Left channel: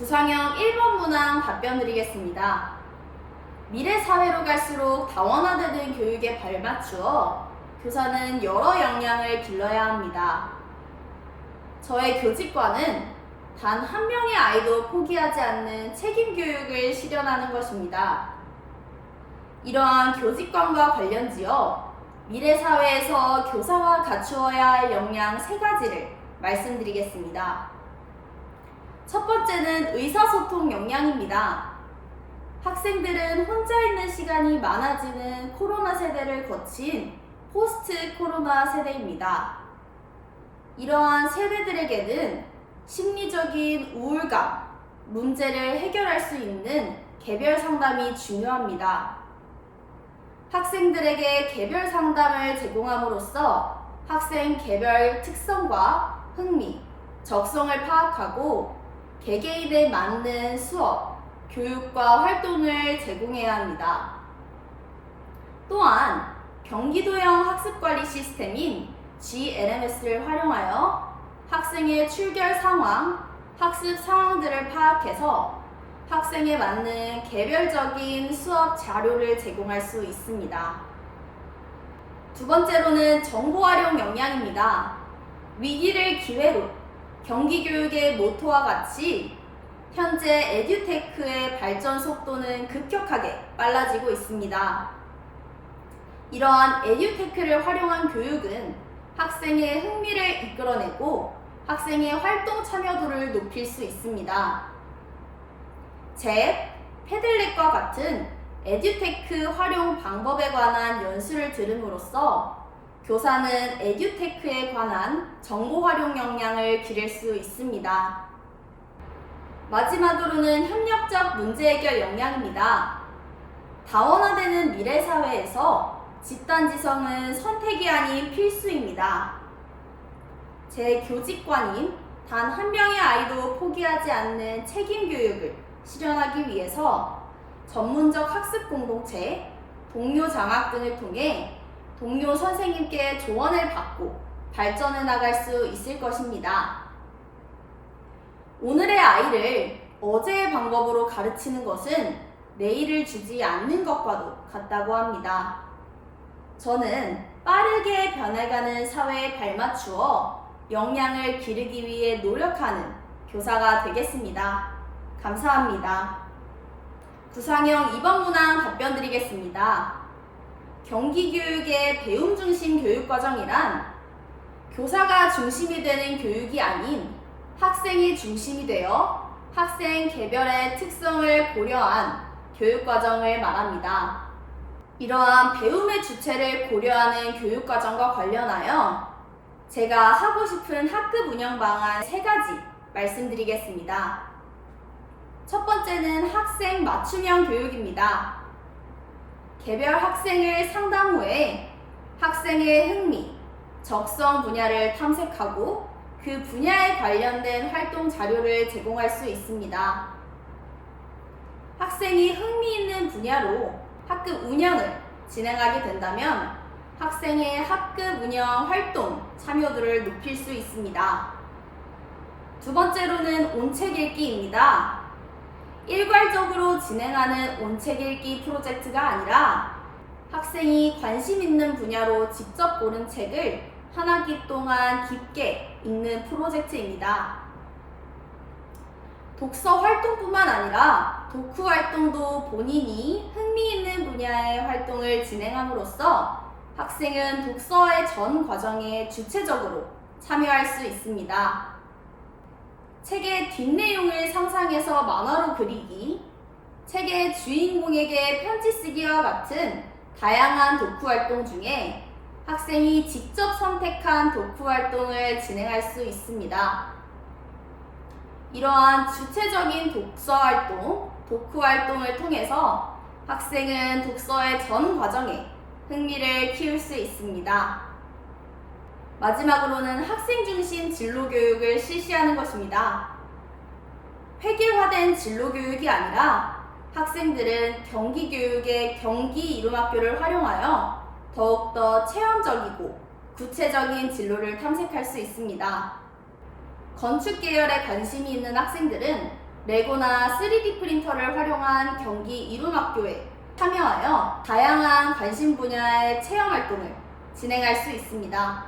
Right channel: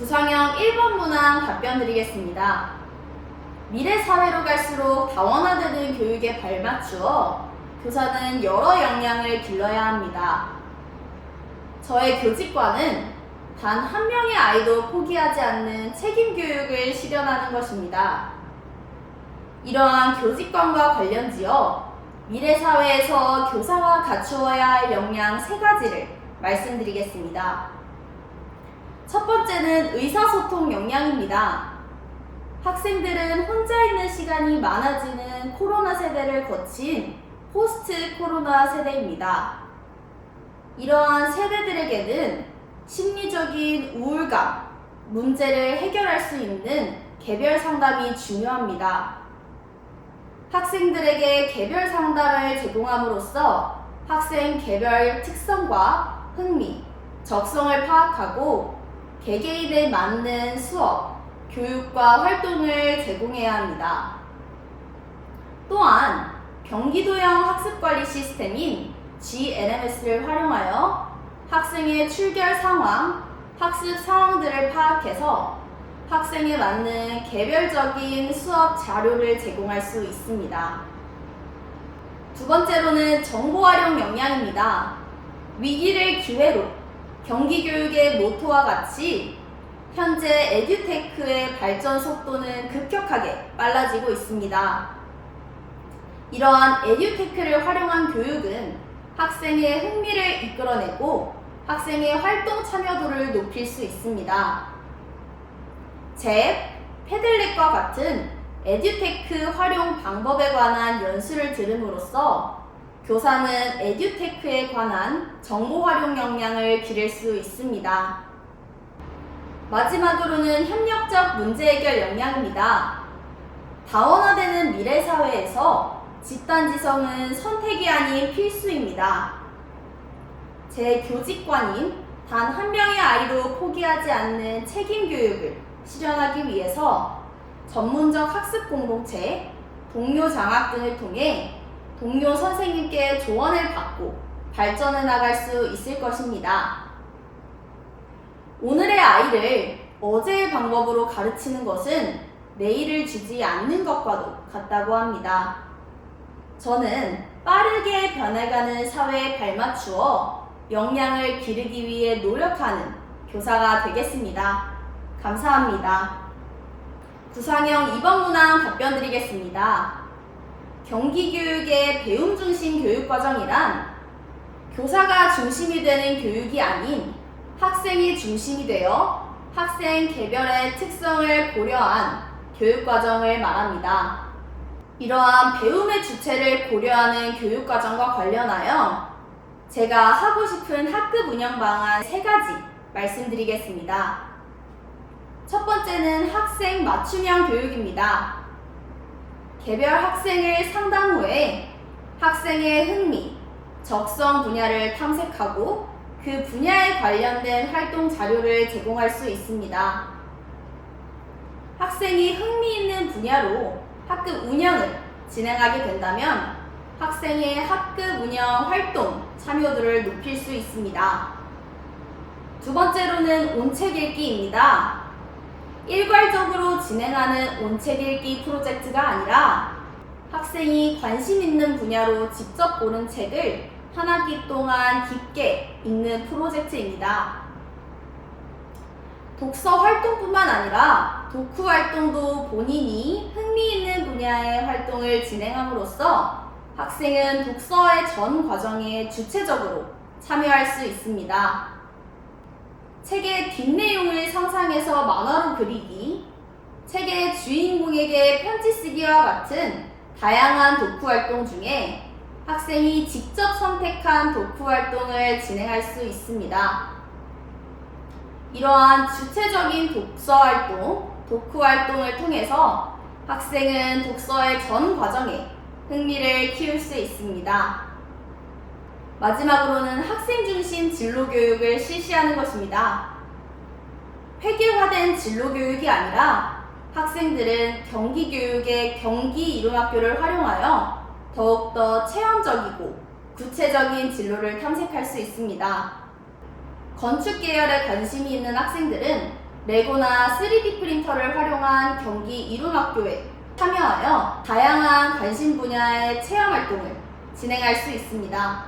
구상형 1번 문항 답변 드리겠습니다. 미래 사회로 갈수록 다원화되는 교육에 발맞추어 교사는 여러 역량을 길러야 합니다. 저의 교직과는 단 한 명의 아이도 포기하지 않는 책임 교육을 실현하는 것입니다. 이러한 교직관과 관련지어 미래 사회에서 교사가 갖추어야 할 역량 3가지를 말씀드리겠습니다. 첫 번째는 의사소통 역량입니다. 학생들은 혼자 있는 시간이 많아지는 코로나 세대를 거친 포스트 코로나 세대입니다. 이러한 세대들에게는 심리적인 우울감, 문제를 해결할 수 있는 개별 상담이 중요합니다. 학생들에게 개별 상담을 제공함으로써 학생 개별 특성과 흥미, 적성을 파악하고 개개인에 맞는 수업, 교육과 활동을 제공해야 합니다. 또한 경기도형 학습관리 시스템인 GLMS를 활용하여 학생의 출결 상황, 학습 상황들을 파악해서 학생에 맞는 개별적인 수업 자료를 제공할 수 있습니다. 두 번째로는 정보 활용 역량입니다. 위기를 기회로 경기교육의 모토와 같이 현재 에듀테크의 발전 속도는 급격하게 빨라지고 있습니다. 이러한 에듀테크를 활용한 교육은 학생의 흥미를 이끌어내고 학생의 활동 참여도를 높일 수 있습니다. 잽, 패들렛과 같은 에듀테크 활용 방법에 관한 연수를 들음으로써 교사는 에듀테크에 관한 정보 활용 역량을 기를 수 있습니다. 마지막으로는 협력적 문제 해결 역량입니다. 다원화되는 미래 사회에서 집단지성은 선택이 아닌 필수입니다. 제 교직관인 단 한 명의 아이도 포기하지 않는 책임 교육을 실현하기 위해서 전문적 학습 공동체, 동료 장학 등을 통해 동료 선생님께 조언을 받고 발전해 나갈 수 있을 것입니다. 오늘의 아이를 어제의 방법으로 가르치는 것은 내일을 주지 않는 것과도 같다고 합니다. 저는 빠르게 변해가는 사회에 발맞추어 역량을 기르기 위해 노력하는 교사가 되겠습니다. 감사합니다. 구상형 2번 문항 답변 드리겠습니다. 경기교육의 배움 중심 교육과정이란 교사가 중심이 되는 교육이 아닌 학생이 중심이 되어 학생 개별의 특성을 고려한 교육과정을 말합니다. 이러한 배움의 주체를 고려하는 교육과정과 관련하여 제가 하고 싶은 학급 운영 방안 3가지 말씀드리겠습니다. 첫 번째는 학생 맞춤형 교육입니다. 개별 학생을 상담 후에 학생의 흥미, 적성 분야를 탐색하고 그 분야에 관련된 활동 자료를 제공할 수 있습니다. 학생이 흥미 있는 분야로 학급 운영을 진행하게 된다면 학생의 학급 운영 활동 참여도를 높일 수 있습니다. 두 번째로는 온책 읽기입니다. 일괄적으로 진행하는 온책 읽기 프로젝트가 아니라 학생이 관심 있는 분야로 직접 고른 책을 한 학기 동안 깊게 읽는 프로젝트입니다. 독서 활동뿐만 아니라 독후 활동도 본인이 흥미 있는 분야의 활동을 진행함으로써 학생은 독서의 전 과정에 주체적으로 참여할 수 있습니다. 책의 뒷내용을 상상해서 만화로 그리기, 책의 주인공에게 편지 쓰기와 같은 다양한 독후 활동 중에 학생이 직접 선택한 독후 활동을 진행할 수 있습니다. 이러한 주체적인 독서 활동, 독후 활동을 통해서 학생은 독서의 전 과정에 흥미를 키울 수 있습니다. 마지막으로는 학생 중심 진로 교육을 실시하는 것입니다. 획일화된 진로 교육이 아니라 학생들은 경기 교육의 경기 이lum학교를 활용하여 더욱더 체험적이고 구체적인 진로를 탐색할 수 있습니다. 건축 계열에 관심이 있는 학생들은 레고나 3D 프린터를 활용한 경기 이룸학교에 참여하여 다양한 관심 분야의 체험 활동을 진행할 수 있습니다.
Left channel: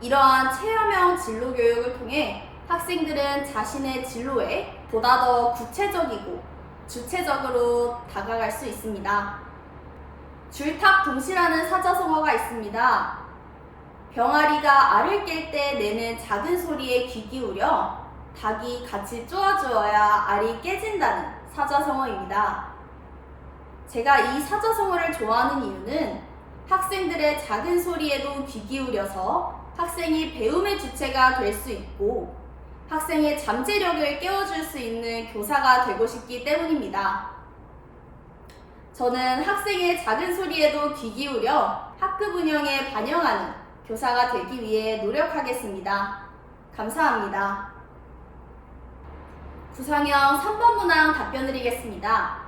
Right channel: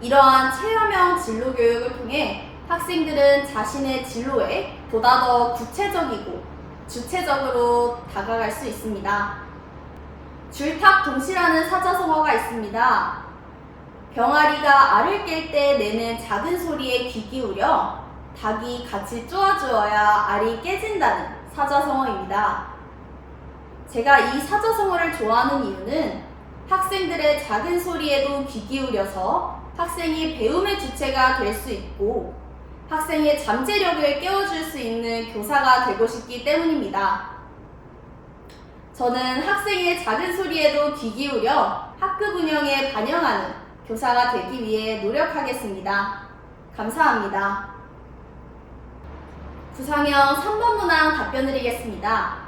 이러한 체험형 진로 교육을 통해 학생들은 자신의 진로에 보다 더 구체적이고 주체적으로 다가갈 수 있습니다. 줄탁동시라는 사자성어가 있습니다. 병아리가 알을 깰 때 내는 작은 소리에 귀 기울여 닭이 같이 쪼아주어야 알이 깨진다는 사자성어입니다. 제가 이 사자성어를 좋아하는 이유는 학생들의 작은 소리에도 귀 기울여서 학생이 배움의 주체가 될 수 있고 학생의 잠재력을 깨워줄 수 있는 교사가 되고 싶기 때문입니다. 저는 학생의 작은 소리에도 귀 기울여 학급 운영에 반영하는 교사가 되기 위해 노력하겠습니다. 감사합니다. 구상형 3번 문항 답변 드리겠습니다.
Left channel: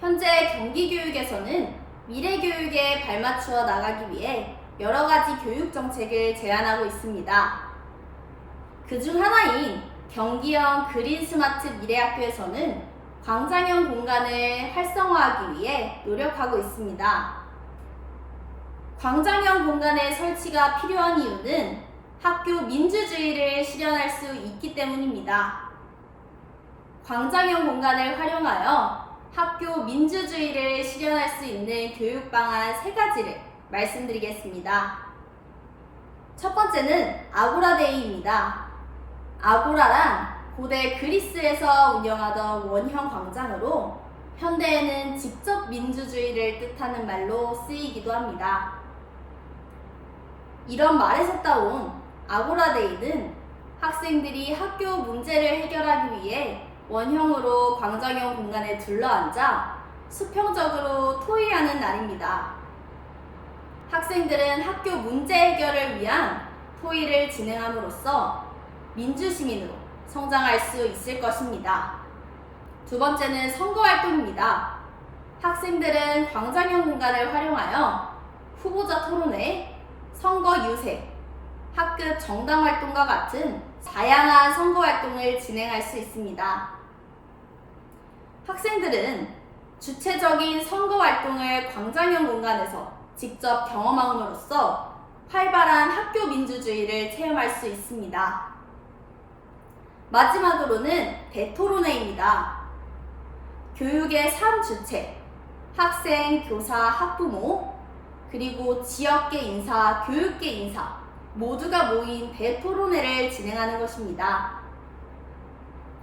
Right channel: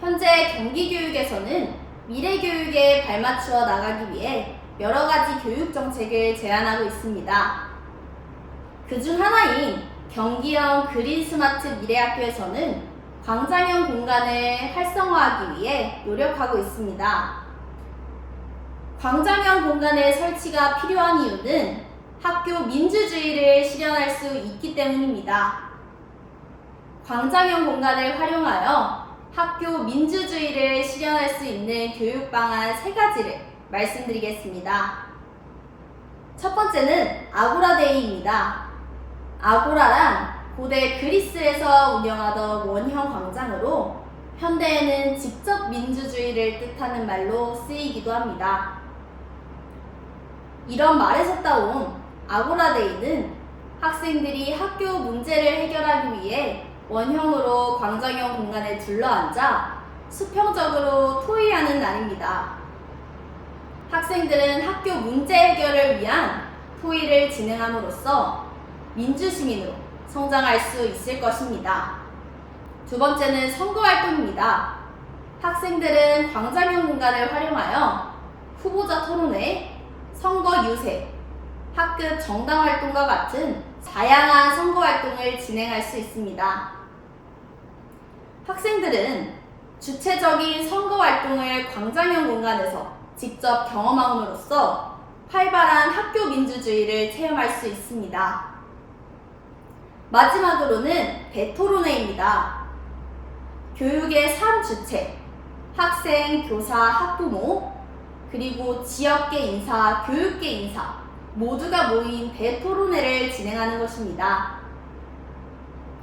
현재 경기교육에서는 미래교육에 발맞추어 나가기 위해 여러 가지 교육 정책을 제안하고 있습니다. 그중 하나인 경기형 그린 스마트 미래학교에서는 광장형 공간을 활성화하기 위해 노력하고 있습니다. 광장형 공간의 설치가 필요한 이유는 학교 민주주의를 실현할 수 있기 때문입니다. 광장형 공간을 활용하여 학교 민주주의를 실현할 수 있는 교육 방안 3가지를 말씀드리겠습니다. 첫 번째는 아고라데이입니다. 아고라란 고대 그리스에서 운영하던 원형 광장으로 현대에는 직접 민주주의를 뜻하는 말로 쓰이기도 합니다. 이런 말에서 따온 아고라데이는 학생들이 학교 문제를 해결하기 위해 원형으로 광장형 공간에 둘러앉아 수평적으로 토의하는 날입니다. 학생들은 학교 문제 해결을 위한 토의를 진행함으로써 민주시민으로 성장할 수 있을 것입니다. 두 번째는 선거활동입니다. 학생들은 광장형 공간을 활용하여 후보자 토론회, 선거 유세, 학급 정당활동과 같은 다양한 선거활동을 진행할 수 있습니다. 학생들은 주체적인 선거활동을 광장형 공간에서 직접 경험함으로써 활발한 학교 민주주의를 체험할 수 있습니다. 마지막으로는 대토론회입니다. 교육의 3주체, 학생, 교사, 학부모, 그리고 지역계 인사, 교육계 인사 모두가 모인 대토론회를 진행하는 것입니다.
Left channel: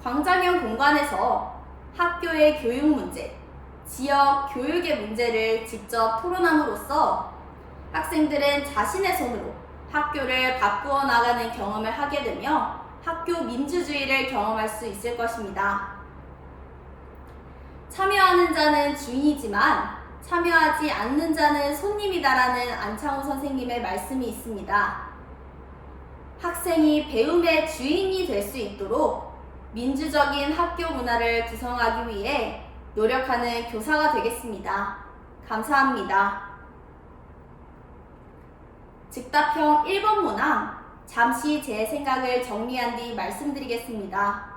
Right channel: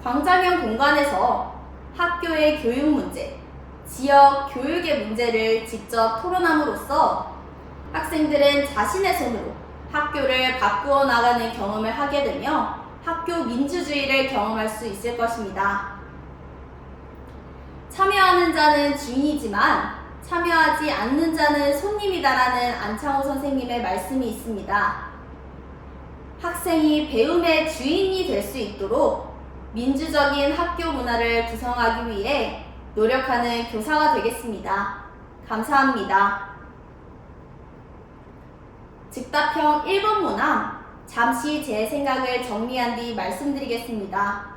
광장형 공간에서 학교의 교육 문제, 지역 교육의 문제를 직접 토론함으로써 학생들은 자신의 손으로 학교를 바꾸어 나가는 경험을 하게 되며 학교 민주주의를 경험할 수 있을 것입니다. 참여하는 자는 주인이지만 참여하지 않는 자는 손님이다라는 안창호 선생님의 말씀이 있습니다. 학생이 배움의 주인이 될 수 있도록 민주적인 학교 문화를 구성하기 위해 노력하는 교사가 되겠습니다. 감사합니다. 즉답형 1번 문항, 잠시 제 생각을 정리한 뒤 말씀드리겠습니다.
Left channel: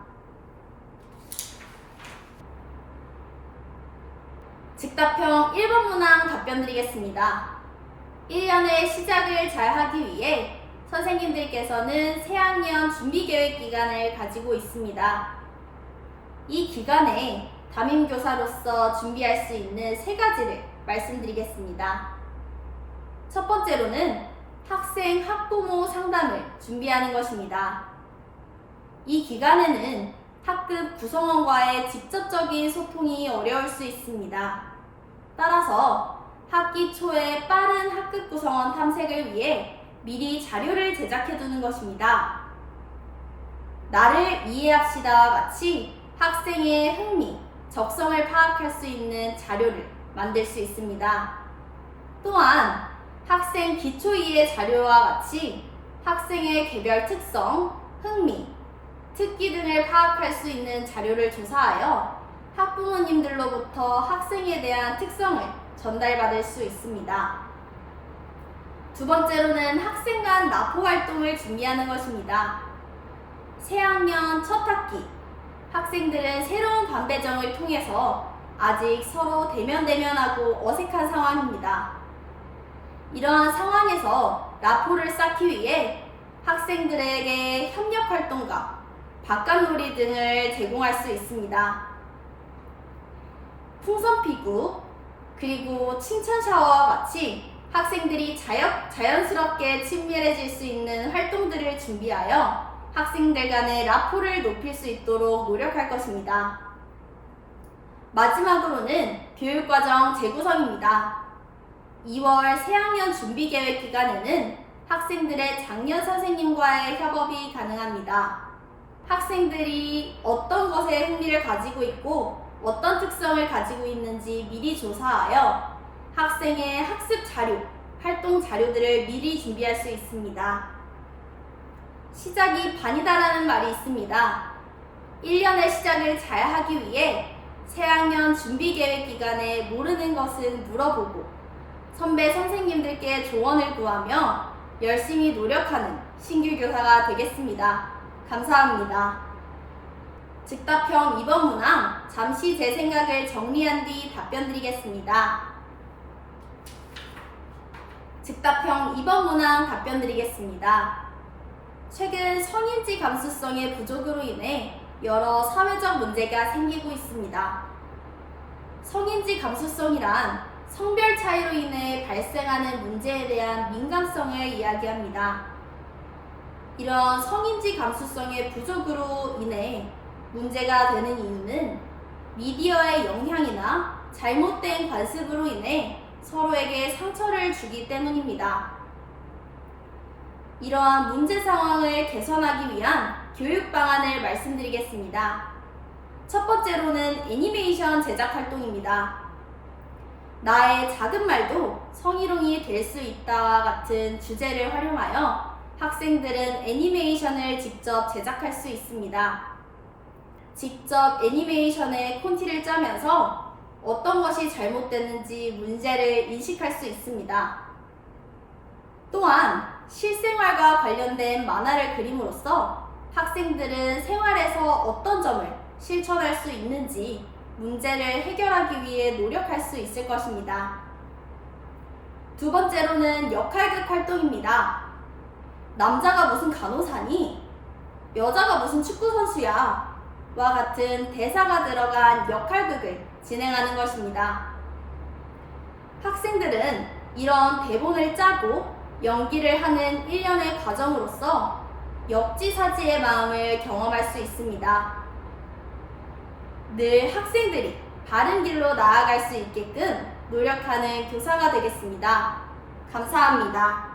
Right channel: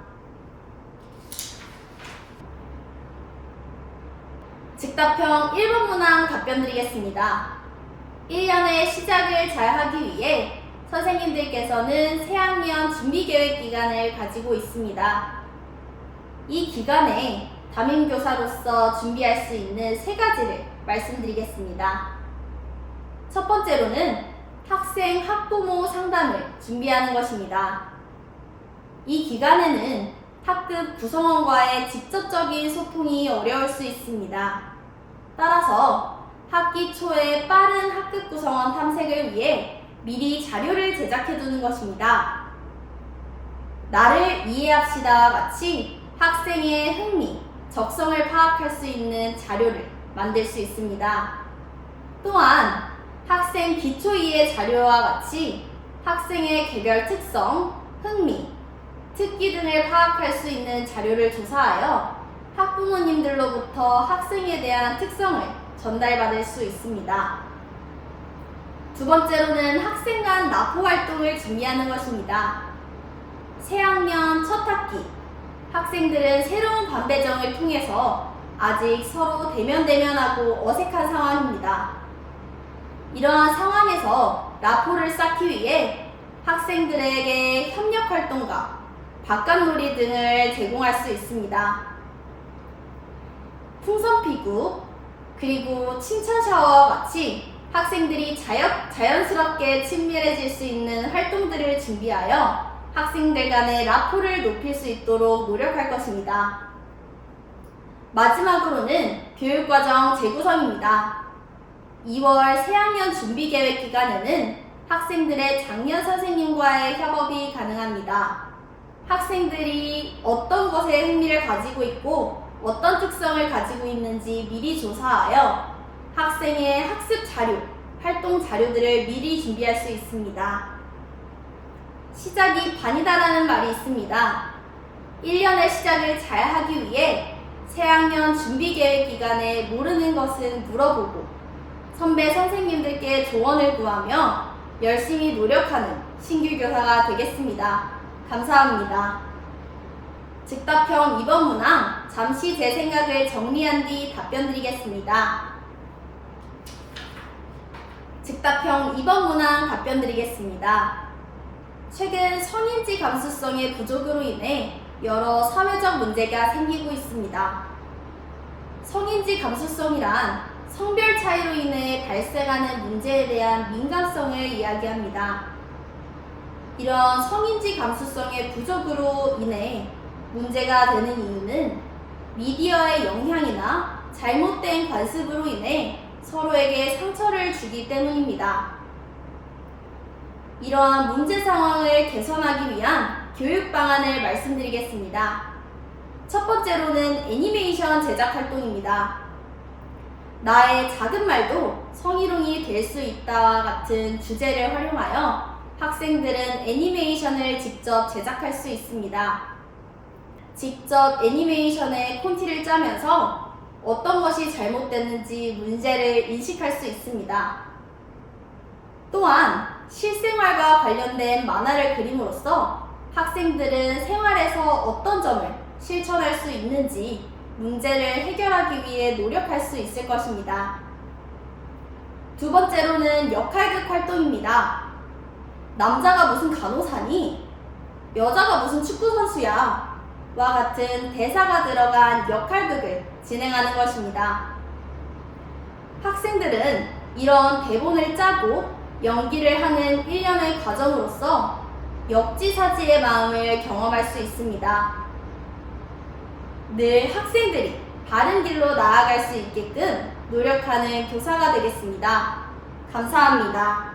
즉답형 1번 문항 답변 드리겠습니다. 1년의 시작을 잘 하기 위해 선생님들께서는 새학년 준비계획 기간을 가지고 있습니다. 이 기간에 담임교사로서 준비할 수 있는 3가지를 말씀드리겠습니다. 첫 번째로는 학생, 학부모 상담을 준비하는 것입니다. 이 기간에는 학급 구성원과의 직접적인 소통이 어려울 수 있습니다. 따라서 학기 초에 빠른 학급 구성원 탐색을 위해 미리 자료를 제작해 두는 것입니다. 나를 이해합시다와 같이 학생의 흥미, 적성을 파악할 수 있는 자료를 만들 수 있습니다. 또한 학생 기초이해 자료와 같이 학생의 개별 특성, 흥미, 특기 등을 파악할 수 있는 자료를 조사하여 학부모님들로부터 학생에 대한 특성을 전달받을 수 있습니다. 두 번째로는 학생 간 나포 활동을 준비하는 것입니다. 새학년 첫 학기, 학생들은 새로운 반배정을 통해서 아직 서로 대면대면하고 어색한 상황입니다. 이러한 상황에서 라포를 쌓기 위해 학생들에게 협력활동과 바깥놀이 등을 제공할 수 있습니다. 풍선피구, 그리고 칭찬 샤워와 같이 학생들이 자연스럽게 친밀해질 수 있는 활동들을 준비하여 학생들 간의 라포를 높일 수 있도록 노력할 것입니다. 마지막으로는 교육과정 재구성입니다. 2월 새학년 준비계획 기간에는 학생들의 작년 선생님과의 협업이 가능합니다. 학생들이 어떤 것에 흥미를 가지고 있고 어떤 특성을 가지고 있는지 미리 조사하여 학생의 학습 자료, 활동 자료들을 미리 준비할 수 있습니다. 시작이 반이다라는 말이 있습니다. 1년의 시작을 잘 하기 위해 새학년 준비계획 기간에 모르는 것은 물어보고 선배 선생님들께 조언을 구하며 열심히 노력하는 신규 교사가 되겠습니다. 감사합니다. 즉답형 2번 문항, 잠시 제 생각을 정리한 뒤 답변 드리겠습니다. 즉답형 2번 문항 답변 드리겠습니다. 최근 성인지 감수성의 부족으로 인해 여러 사회적 문제가 생기고 있습니다. 성인지 감수성이란 성별 차이로 인해 발생하는 문제에 대한 민감성을 이야기합니다. 이런 성인지 감수성의 부족으로 인해 문제가 되는 이유는 미디어의 영향이나 잘못된 관습으로 인해 서로에게 상처를 주기 때문입니다. 이러한 문제 상황을 개선하기 위한 교육 방안을 말씀드리겠습니다. 첫 번째로는 애니메이션 제작 활동입니다. 나의 작은 말도 성희롱이 될 수 있다와 같은 주제를 활용하여 학생들은 애니메이션을 직접 제작할 수 있습니다. 직접 애니메이션에 콘티를 짜면서 어떤 것이 잘못됐는지 문제를 인식할 수 있습니다. 또한 실생활과 관련된 만화를 그림으로써 학생들은 생활에서 어떤 점을 실천할 수 있는지 문제를 해결하기 위해 노력할 수 있을 것입니다. 두 번째로는 역할극 활동입니다. 남자가 무슨 간호사니? 여자가 무슨 축구선수야? 와 같은 대사가 들어간 역할극을 진행하는 것입니다. 학생들은 이런 대본을 짜고 연기를 하는 일련의 과정으로서 역지사지의 마음을 경험할 수 있습니다. 늘 학생들이 바른 길로 나아갈 수 있게끔 노력하는 교사가 되겠습니다. 감사합니다.